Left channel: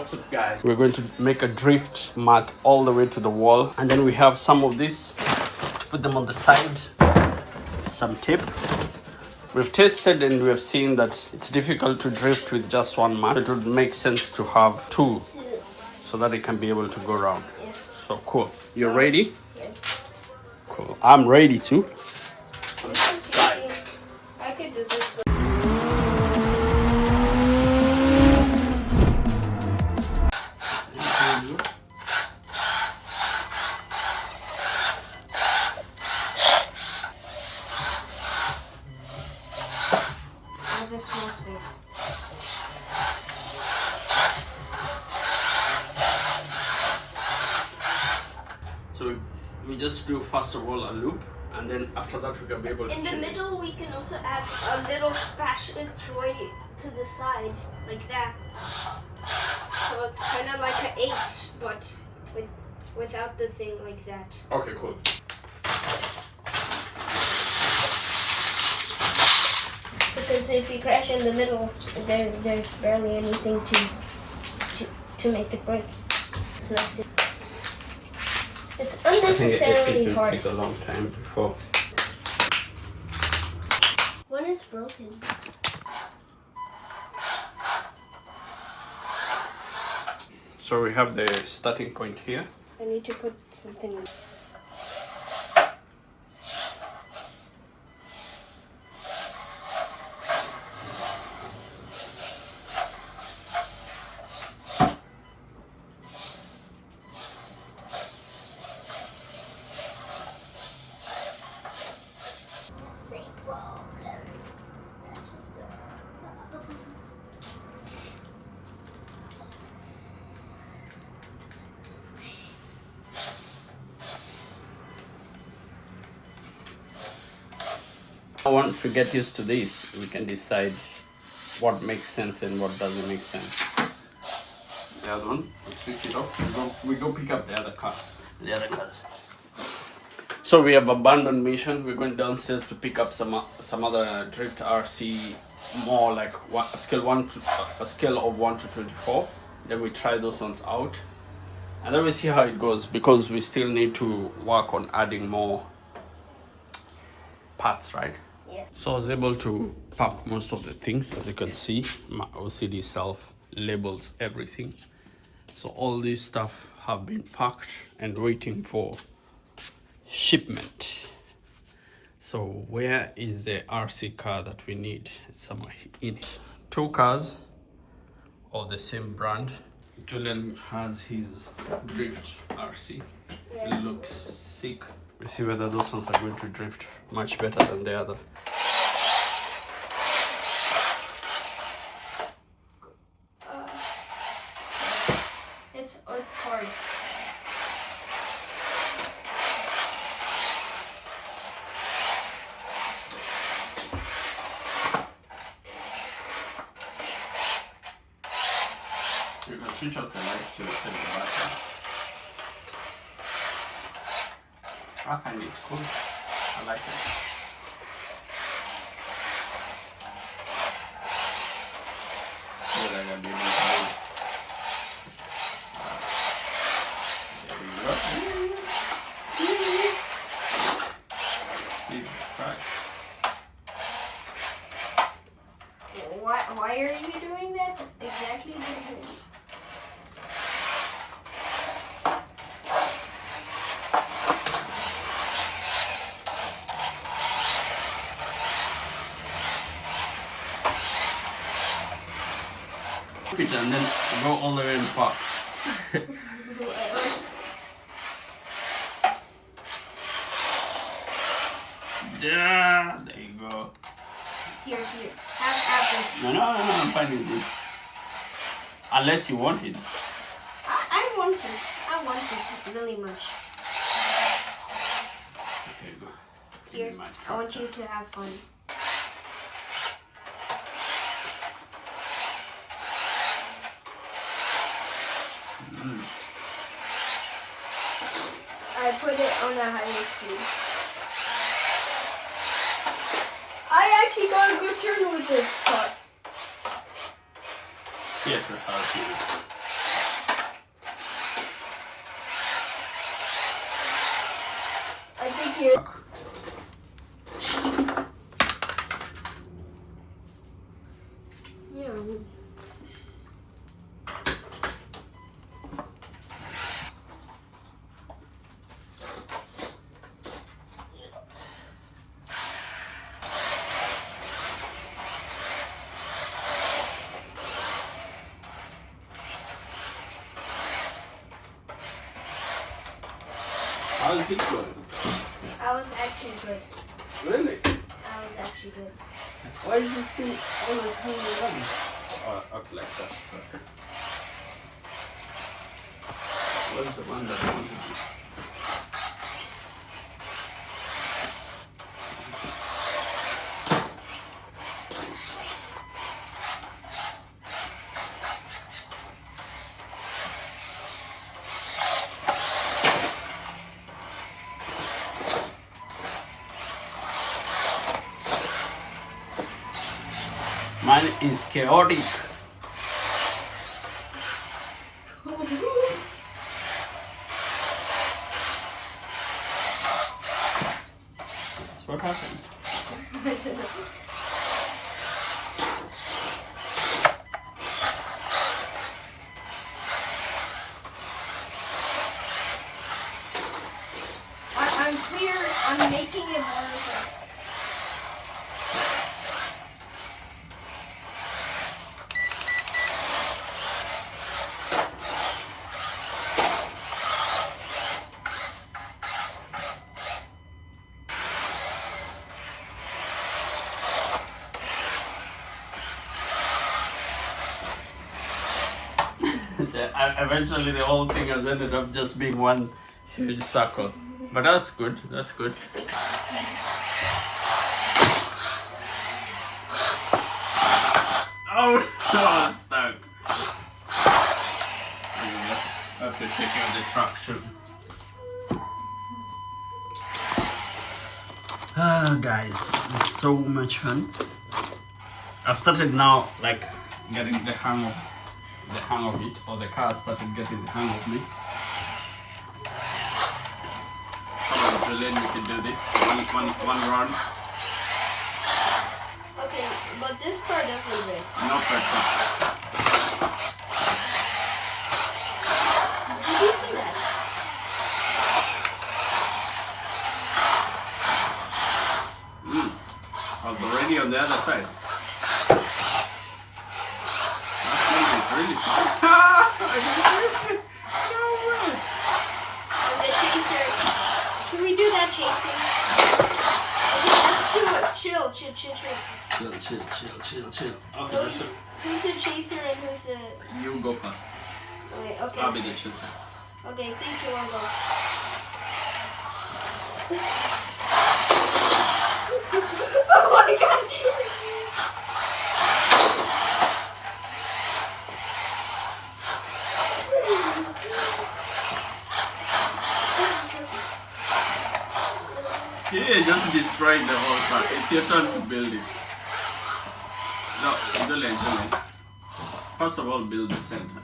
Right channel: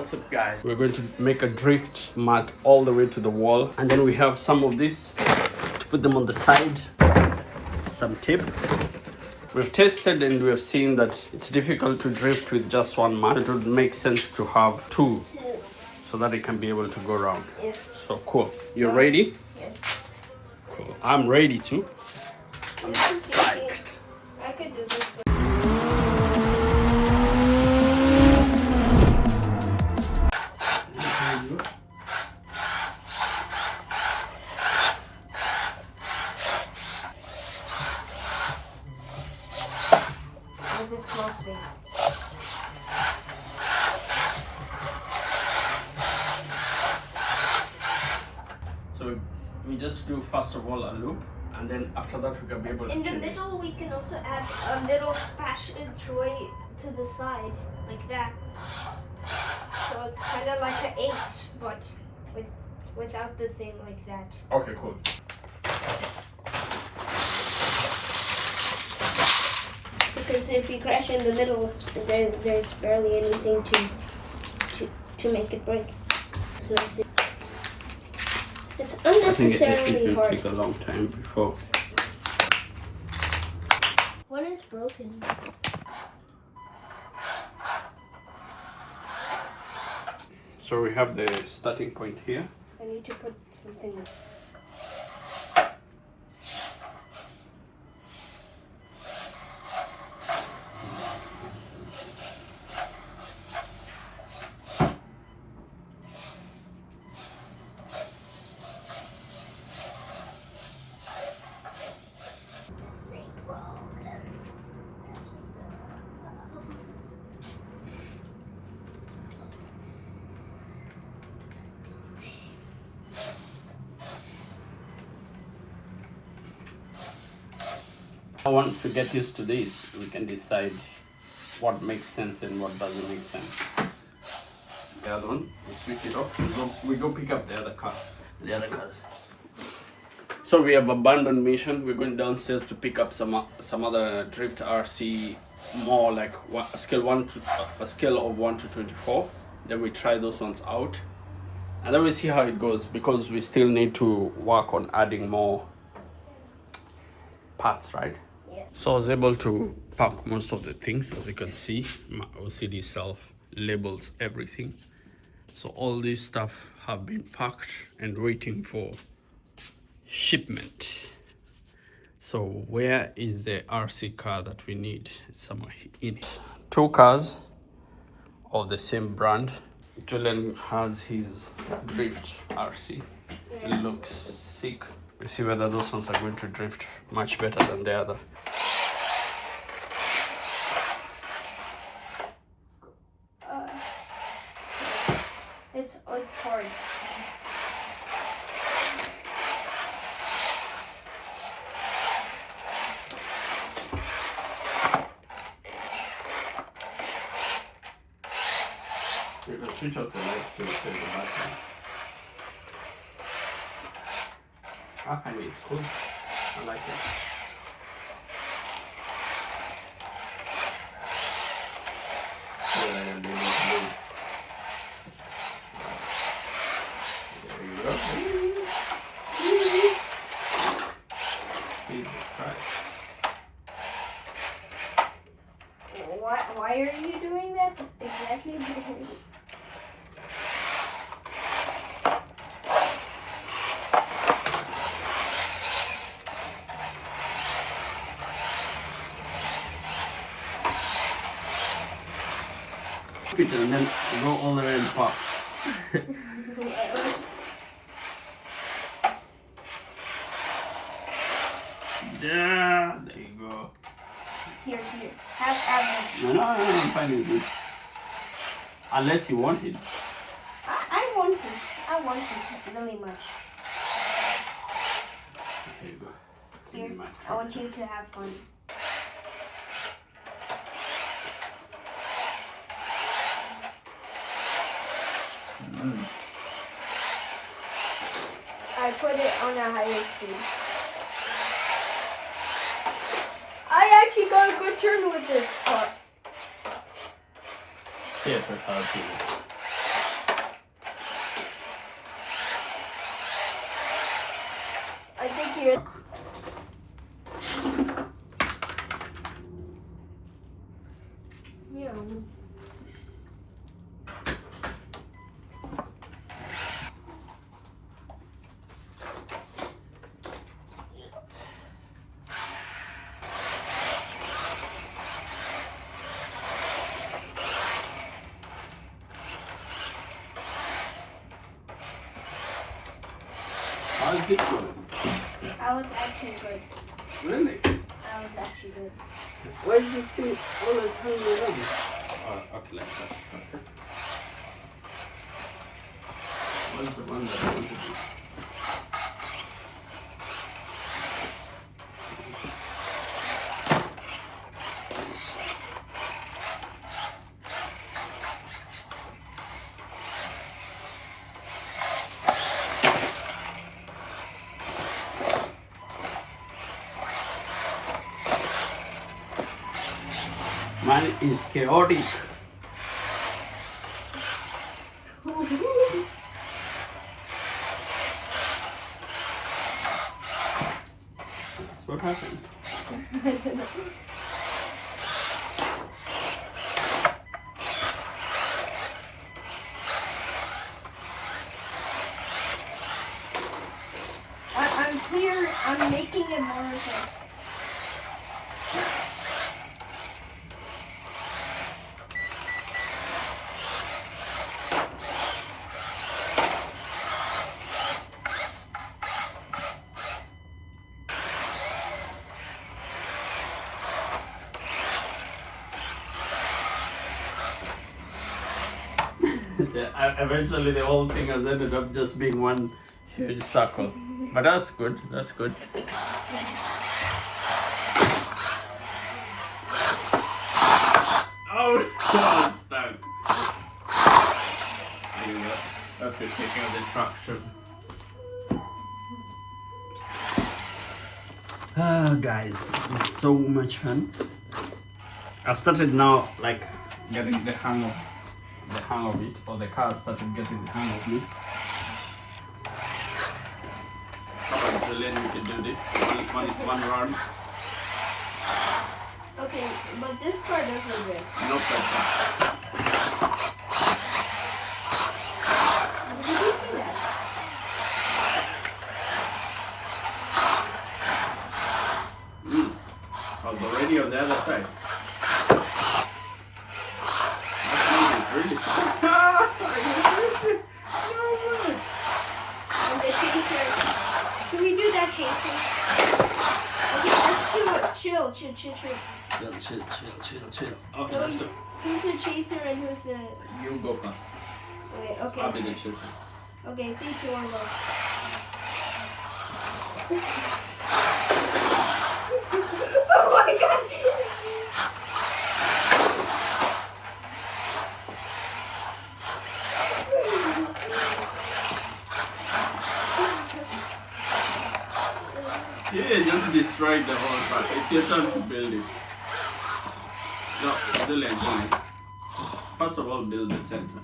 What's up, guys? We're going to make a drift mat all the way to the wall, and then we have some of this to put them on the side, some tape. We've tested and we've seen that it's difficult to drift with just one mat. It would make sense to have two so that it can be able to go around. So cool. You're ready? Yes. Cool. I'm ready too. I'm psyched. I could do this one. With a small space. So we just do first of all a loop, and then after that we can be able to In the change. middle, we can also add a little passageway to the side, like that. So it's kind of like an 8, but without the thing like that. Okay, cool. Because if you crash in the middle, there's barely anything to make it break. So that's it. It's unnecessarily it hard. Take a long time before. One is broken. So we have the starting point here. I need to put something on. Once we get used to this, we can decide what makes sense and what doesn't make sense. The other one, we switch it off. We go pick up the other car. The other cars. So we have abandoned mission. We're going downstairs to pick up some other drift RC, more like a scale of 1 to 24. Then we try those ones out, and then we see how it goes, because we still need to work on adding more parts, right? Yes. So I was able to pack most of the things. As you can see, my OCD self labels everything. So all this stuff have been packed and waiting for shipment. So where is the RC car that we need? It's somewhere in it. 2 cars of the same brand. Julian has his drift RC. It looks sick. We see whether those ones are going to drift much better than the other. It's hard. You can switch off the light to set the battery. I find it's cool. I like it. So that I can be able to move. There you go. Jesus Christ. Why are you doing that exactly? It and then go all the way in the park. Yeah, there you go. Here. Have this. No, I'm finding good. Unless you want it. I want it. I want it really much. There you go. Here, I want you to have fun. I put it on a higher speed. I actually got a good turn with this car. Yeah, that's how I feel. How is it going? I was actually good. Really? I was actually good. Why is this thing always hanging around? Oh, up like that. Okay. What's the one that I want to do? Mine is chaotic. That's what happened. I'm clear. I'm making it more like. And eventually the whole thing has ended up just being one huge circle. But that's good, that's good. Oh, I'm stuck. I have to take out the traction. Ah, guys, it's so much fun. I've started now, like, getting the hang of it, or the car started getting the hang of me. Brilliant, we can do this. One run. Okay, but this car doesn't live. No pressure. Did you see that? I was already on the other side. That's really And the chaser. Should we do that chaser? Okay, let's do it. Chill. Chill. Okay, So let's go. who's the chaser and who's the... You go first. Okay, I'll be the chaser. Okay, 3, 2, 1, go. Oh my god! Yeah, just destroyed the whole part. It's your turn to build it. No, don't let. First of all, build the center.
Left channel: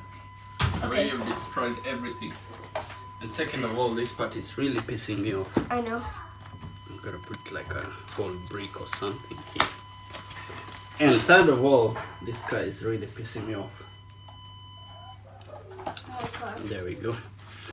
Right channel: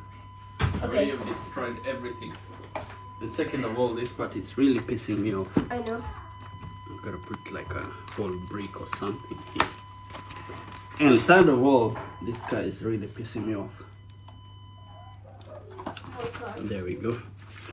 The way you've destroyed everything. And second of all, this part is really pissing me off. I know. I'm gonna put like a whole brick or something here. And third of all, this guy is really pissing me off. There we go.